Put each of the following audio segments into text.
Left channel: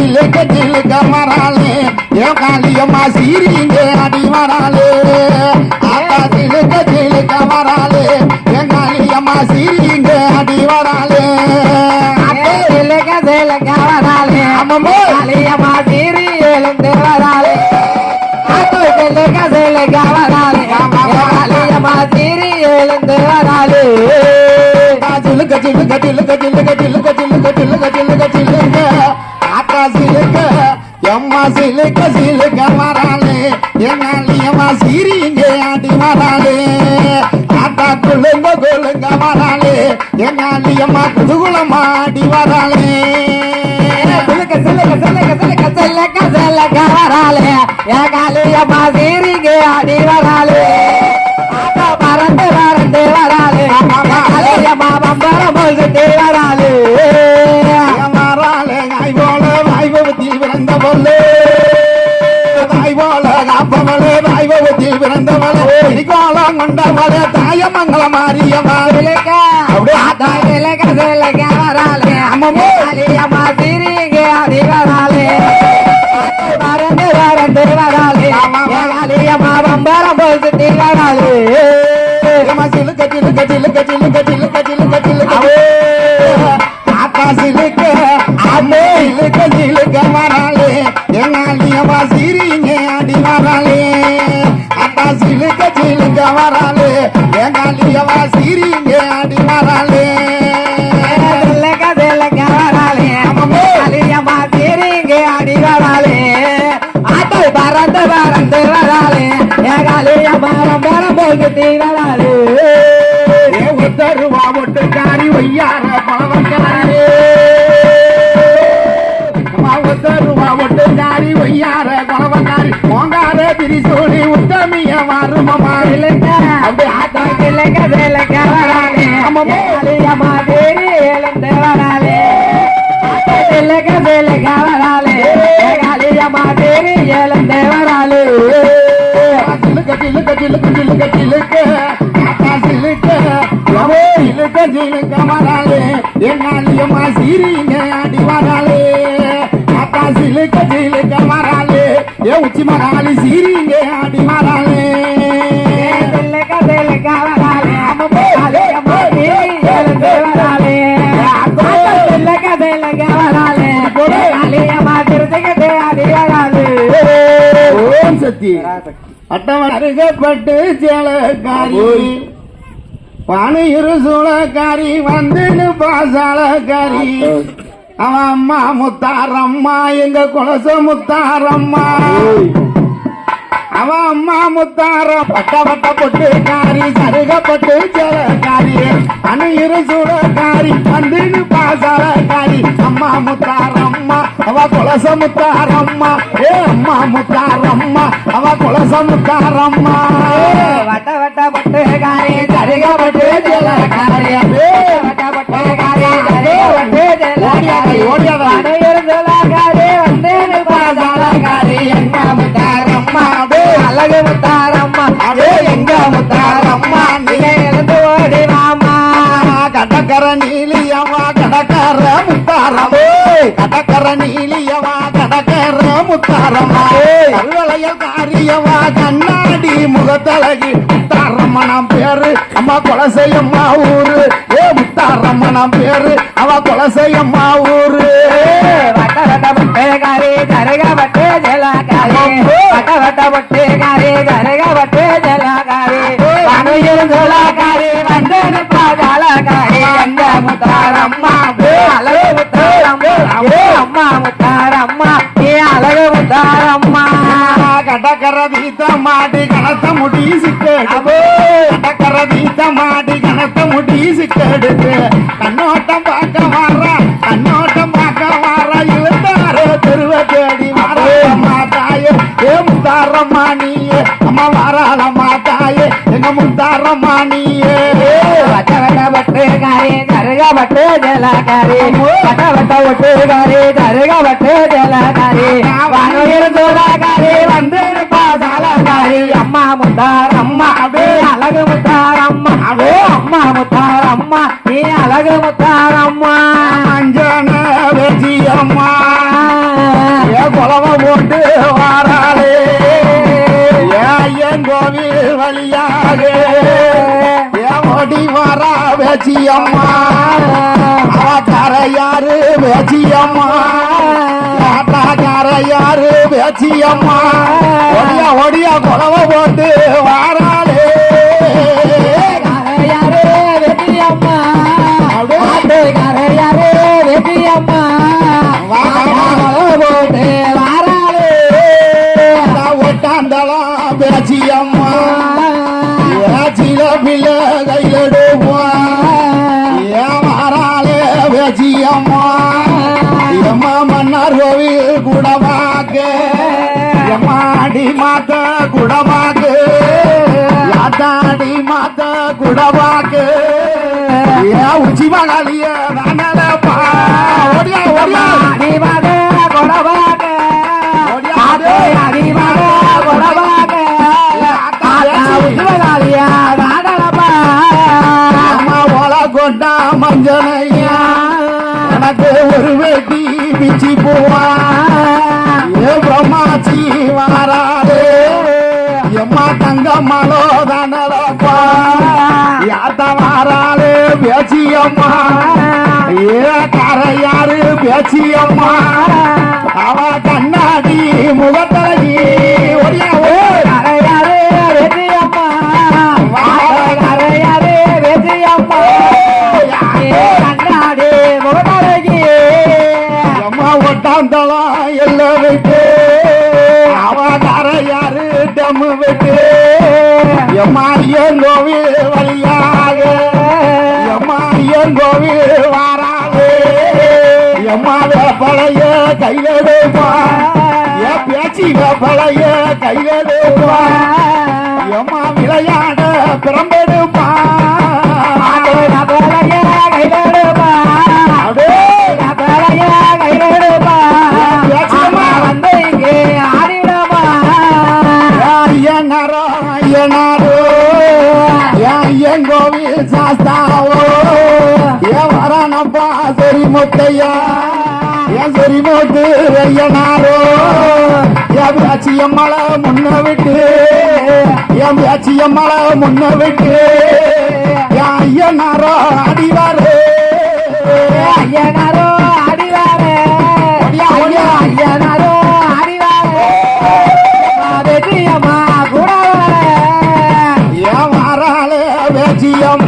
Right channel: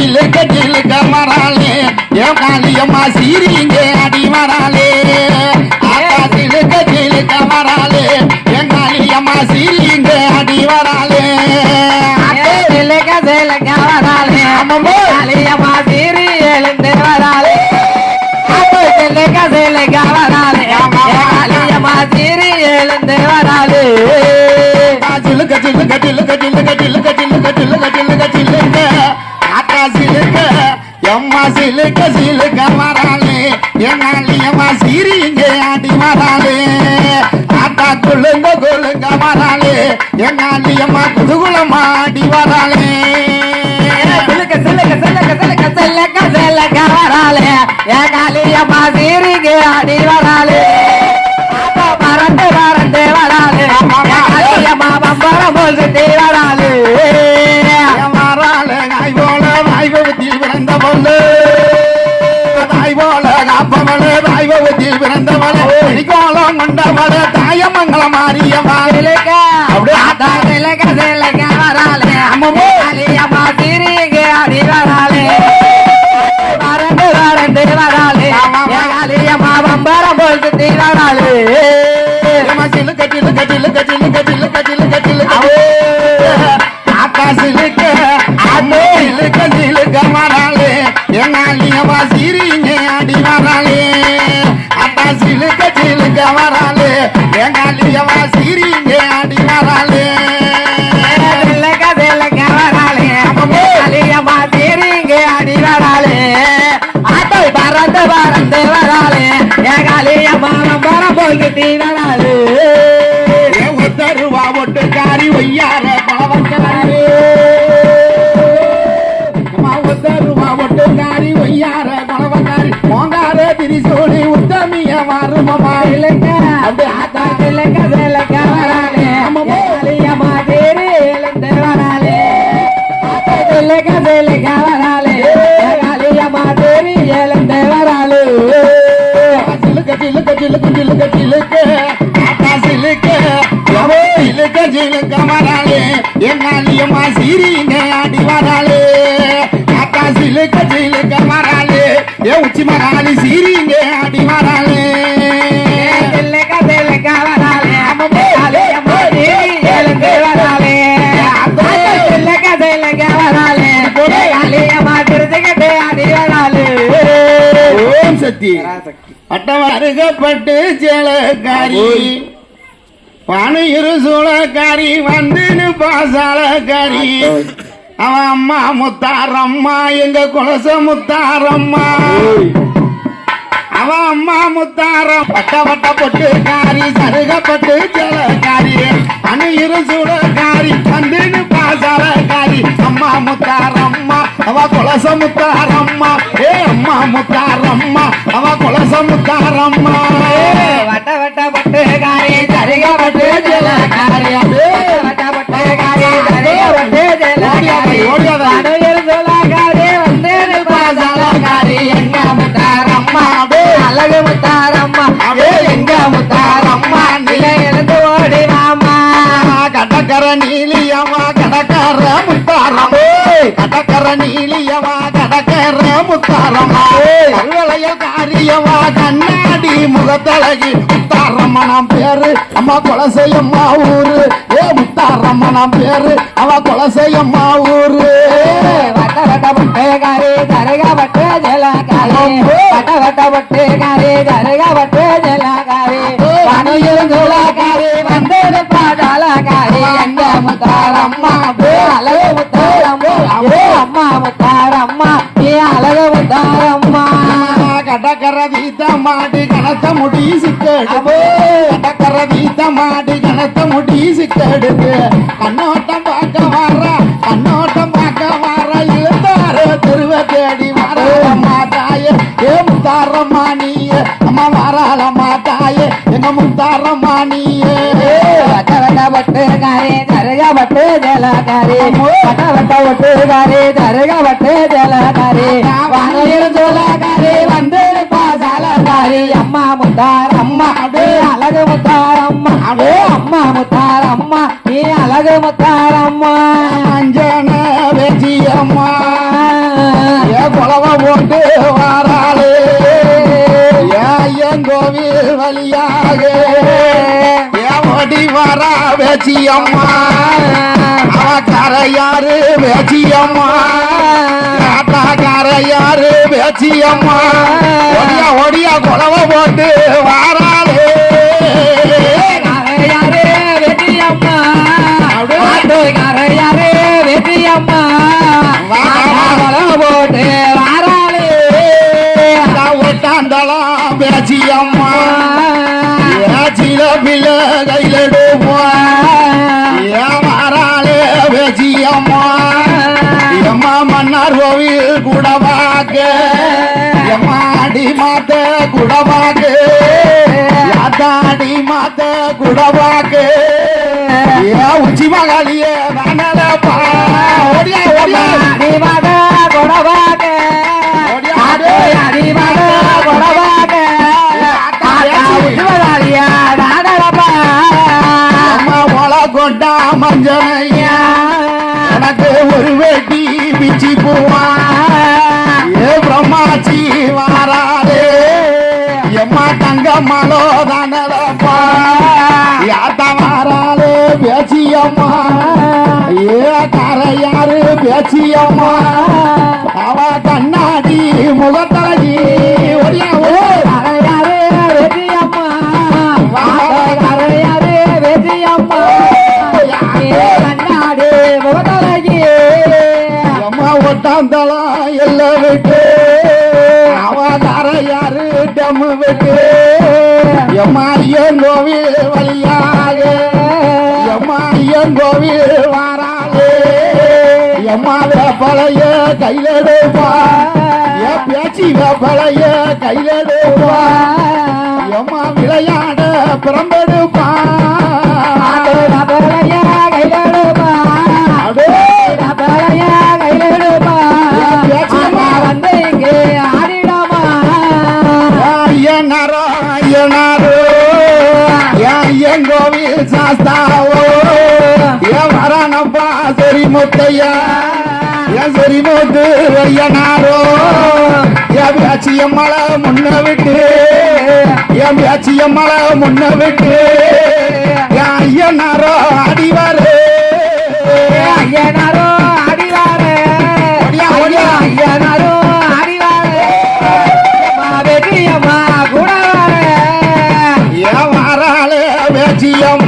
சிலுக்க சிலுக்க வராளே என் காளியம்மா சீரிங்க அடி வராளே ஆத்தா சிலுக்க சிலுக்க வராளே என் காளியம்மா சீரிங்க அடி வராளே சிலுக்க சிலுக்க வராளே ஆமாம்மா. காளியம்மா சீறி எழுந்து வராளே அப்போ வராளே காளியம்மா எழுந்து வராளே என் காளியம்மா சீரிக்கு அடி வராளே அப்போ பறந்து பறந்து வராளே என் காளியம்மா பம்பரம் போல்கிட்டு வராளே வராளே நாய் போல நாய் பிறந்த பொண்ணு தாய் போல காப்பவளே பிறந்தவளே கோலம் கொண்டவளே தாயமங்கலம் கட்டிலுக்க திலுக்க திலுக்க திலுக்க திலுக்க திலுக்க ஆகாசிலுக்க அண்ணே இழுக்க திலுக்க வராளே என்னாலியவா சிரிங்க அடி வராளே ஆகாசிலுக்க திலுக்க வராளே என்னாலியவா சிரிங்க அடி வராளே பறந்து பறந்து வராளே. ஏகாலிய மரம் மரம் போய்கிட்டீங்களா கபில கவராலே காளிய மாதேவி ஏலந்தே வராலே சிலுக்க சிலுக்க சிலுக்கு சிலுக்க சிலுக்க. காத்தா சிலுக்க சிலுக்க சிலுக்க மராலே என் காளியம்மா சீரிங்க ஆடி வராலே காத்தா சிலுக்க சிலுக்க மராலே ஏ உச்சி மராலி சீரிங்க ஆடி ஓம் சக்தி அட்டவன் அருகப்பட்டு சேலக்காரி பானையிரு சூளக்காரி வந்து பாசாலக்காரி. அவன் அம்மா முத்தாரம்மா எங்க குலச முத்தாரம்மா. அவன் அம்மா முத்தாரம் பட்ட பட்ட பொட்டு காரி சருகப்பட்டு சேலக்காரி. அணுயிரு சூளக்காரி வந்து பாசாலக்காரி. அம்மா முத்தாரம்மா அவ கொலச முத்தாரம்மா ஏ அம்மா முத்தாரம்மா அவ கொலச முத்தாரம்மா வட்ட வட்ட பட்டு காரி சரிக பட்டு ஜெல காரி. வட்ட பட்ட காரி சரிக பட்டு ஜெல காரி. ஓடியவ அடையர் ஜெல காரி வந்தேனல் பாசால காரி எங்க முத்தாரம்மா? அதே அழகு நீலியம்மா கடக்கர முத்தாரம்மா கடக்க முத்தாரமா கல்வளையல் காரியவா கண்ணாடி முகத்தழகி. முத்தாரம்மனாம் பேரு அம்மா கொலசையம்மா ஊரு. ஏ முத்தாரம்மனாம் பேரு அவ கொலசையம்மா ஊரு. வட்ட வட்ட பட்டு காரி சரிக பட்டு ஜலகாரி வட்ட வட்ட பட்டு காரி சரிக பட்டு ஜலகாரி வனையில் ஜலகாரி வந்து பாதாளகாரி எங்க முத்தாரம்மா ஏ அழகு முத்தாரம்மா ஏ அம்மா முத்தாரம்மா. కరదీత మాటి గణత ముడీసిక్కడు కరదీత మాటి గణత ముడీసిక్కడు కన్నోటం పాక వార కన్నోటం పాక వార ఇల్దార తెరువ తేడి వారమ్మ తాయ ఏ ముత్తారమ్మా నీయే అమ్మ వారాలమ్మ తాయ ఎంగ ముత్తారమ్మా నీయే బట్టే గారే కరగా బట్టే జలాకారే బట్ట బట్ట ఒట్టే గారే కర முத்தார் அம்மா அடே அழகு முத்தார் அம்மா அடே அம்மா முத்தார் அம்மா ஏ அழகு முத்தார் அம்மா அஞ்சன வெற்றியா அம்மா ஏ குலவ போட்டு வாராளே. ஏன் கோவில் வழியாக. ஏ ஓடி வரா வேச்சி அம்மா அவக்கார யாரு அம்மா காட்டாக்கார யாரு அம்மா ஒடியா ஒடியா போட்டு வாராளே. கரையாரே வெற்றியம்மா. கரையாரே வெற்றியம்மா. போட்டு வாராளே. ஒட்டாந்தளம் பேச்சி அம்மா ஏச்சில பிள்ள பாக்க உச்சி மகாலிய நானப்பா ஓடியா ஓடியா. அடிவாக கொடவாக ஆட்டோ அடிவாக கொடவாக ஆட்டா உச்சுவதாலியா நாடரப்பா அம்மா ஒல கொண்டா மஞ்சனையா. எனக்கு ஒரு வேட்டி பிச்சி போவா. ஏ பிரம்மாச்சி வாராதே. எம்மா தங்க கரையாரே வெற்றியம்மா கரையாரே வெற்றியம்மா கண்ணாடி முகத்தலகி அம்மா எல்லாம் விட்டு. அவ கரையாறு டம்மு விட்டு. அம்மா வந்து இங்கே ஆடிடமா. ஐயனாரோ ஐயனாரோ ஐயன் கோவில் சாஸ்தாவோ என் வரணப்பா சொரி முத்தையா. என் சொரி ஐயனாரோ என் பேச்சியம் மலை முன்ன விட்டு. என் பேச்சியம் மலை முன்ன விட்டு. என் ஐயனாரோ அடிவாரு. ஐயனாரோ ஆடிவாரே ஐயனாரோ அடிவாரு. வெற்றியம்மா கூட என் வாராளே பேச்சியம்மா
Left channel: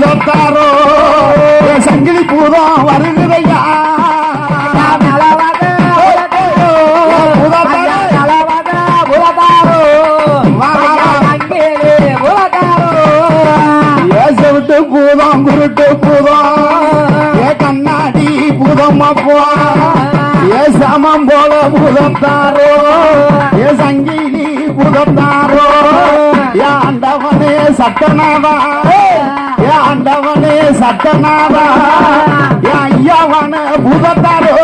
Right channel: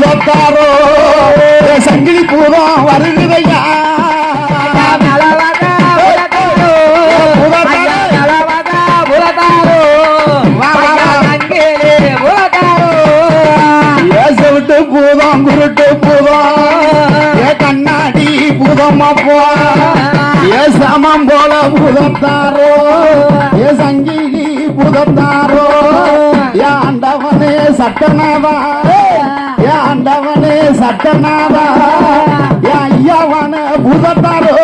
பூதத்தாரோ சங்கிலி பூதம் வருகுதையா பூதம் குருட்டு பூதம். ஏ கண்ணாடி பூதம் அப்பா. ஏ சமம் போல புதத்தாரோ. ஏ சங்கிலி புதத்தாரோ. ஏ ஆண்டவனே சட்டநாதா. ஆண்டவனே ஏ ஐயாவன பூதத்தாரோ?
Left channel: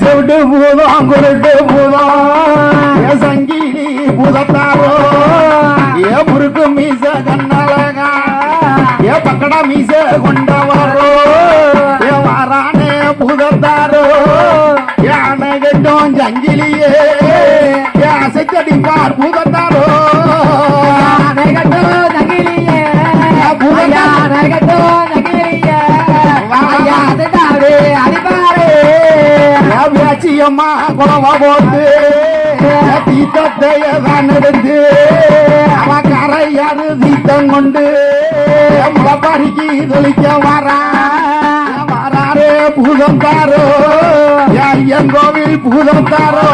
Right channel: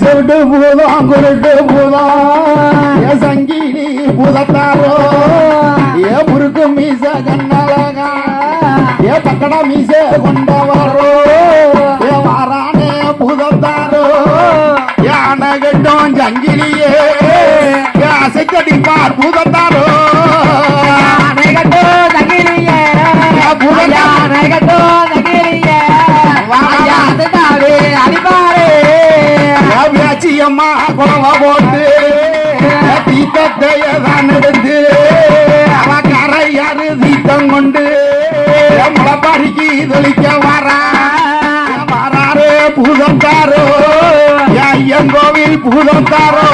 செவிட்டு பூதம். குருட்டு பூதம் ஏ சங்கிலி பூதத்தாரோ? ஏ முறுக்கு மீச கண்ணழகா ஏ பக்கடா மீச கொண்டவரோ அம்மா பேச்சியம்மா போட்டு ஏ தான் எடுத்து அவ கரையாறு தீக்கம் கொண்டு ஏ முளப்பாரிக்கு தெளிக்க வரா வராரு பூதம் தாரோ ஐயன் கோவில் பூதம் தாரோ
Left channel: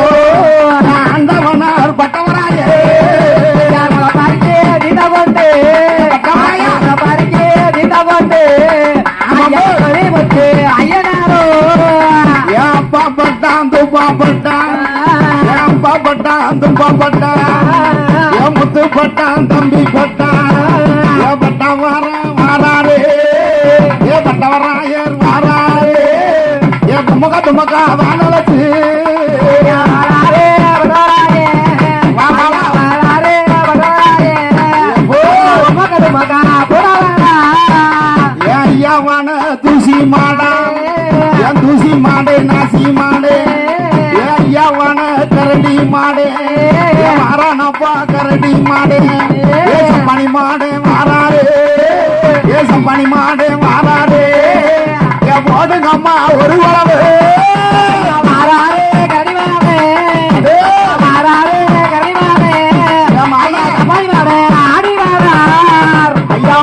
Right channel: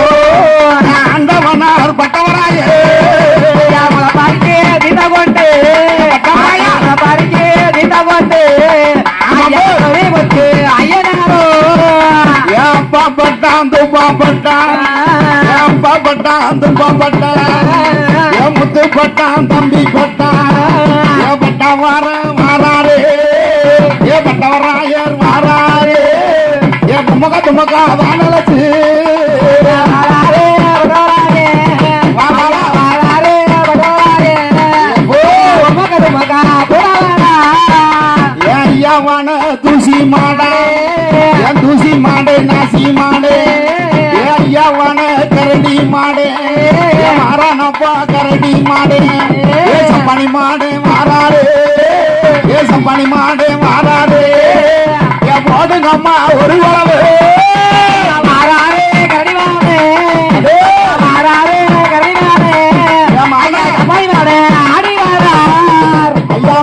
பாப்பட்டான் துப்பாப்பட்டான் ஏன் பாப்பட்டான் துப்பாப்பட்டான் என் தம்பி கொட்டா ஏ பட்டா வர வாராரே. ஏ பட்டவராயர் வாராரே. ஏ துமக துமகா மாடே. ஏ சப்பானி மாடே மாறாரே ஏ சப்பானி மாடே மாறாரே ஏன் போடுங்க அம்மா ஒரு உழவு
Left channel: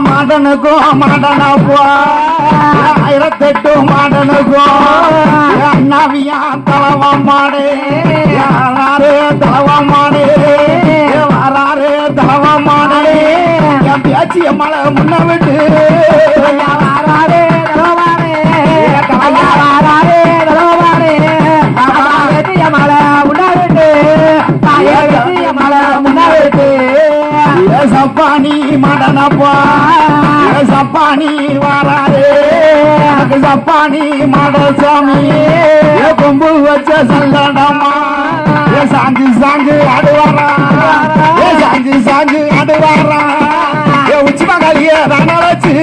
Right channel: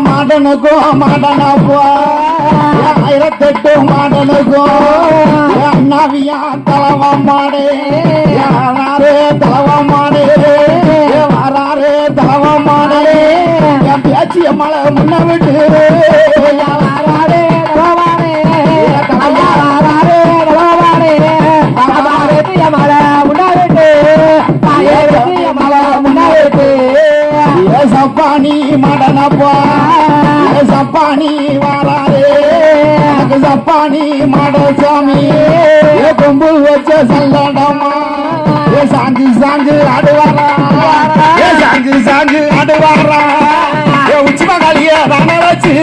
மாடனுக்கும் மாடனப்பா ஏன் ஆயிரத்தெட்டு மாடனுக்கும். அண்ணாவியா மாடே. யாராரு பேச்சிய மலை முன்ன விட்டு. சப்பானி மாடனப்பா சப்பானி வாராரே சப்பானி மாட சாமி ஏ கொம்பு வச்ச சல்லடமா சாஞ்சு சாஞ்சு அடுவாரா. சாங்கு சாங்கு ஆண்டு வாடுறான் உச்சி மங்காளிய வச்சு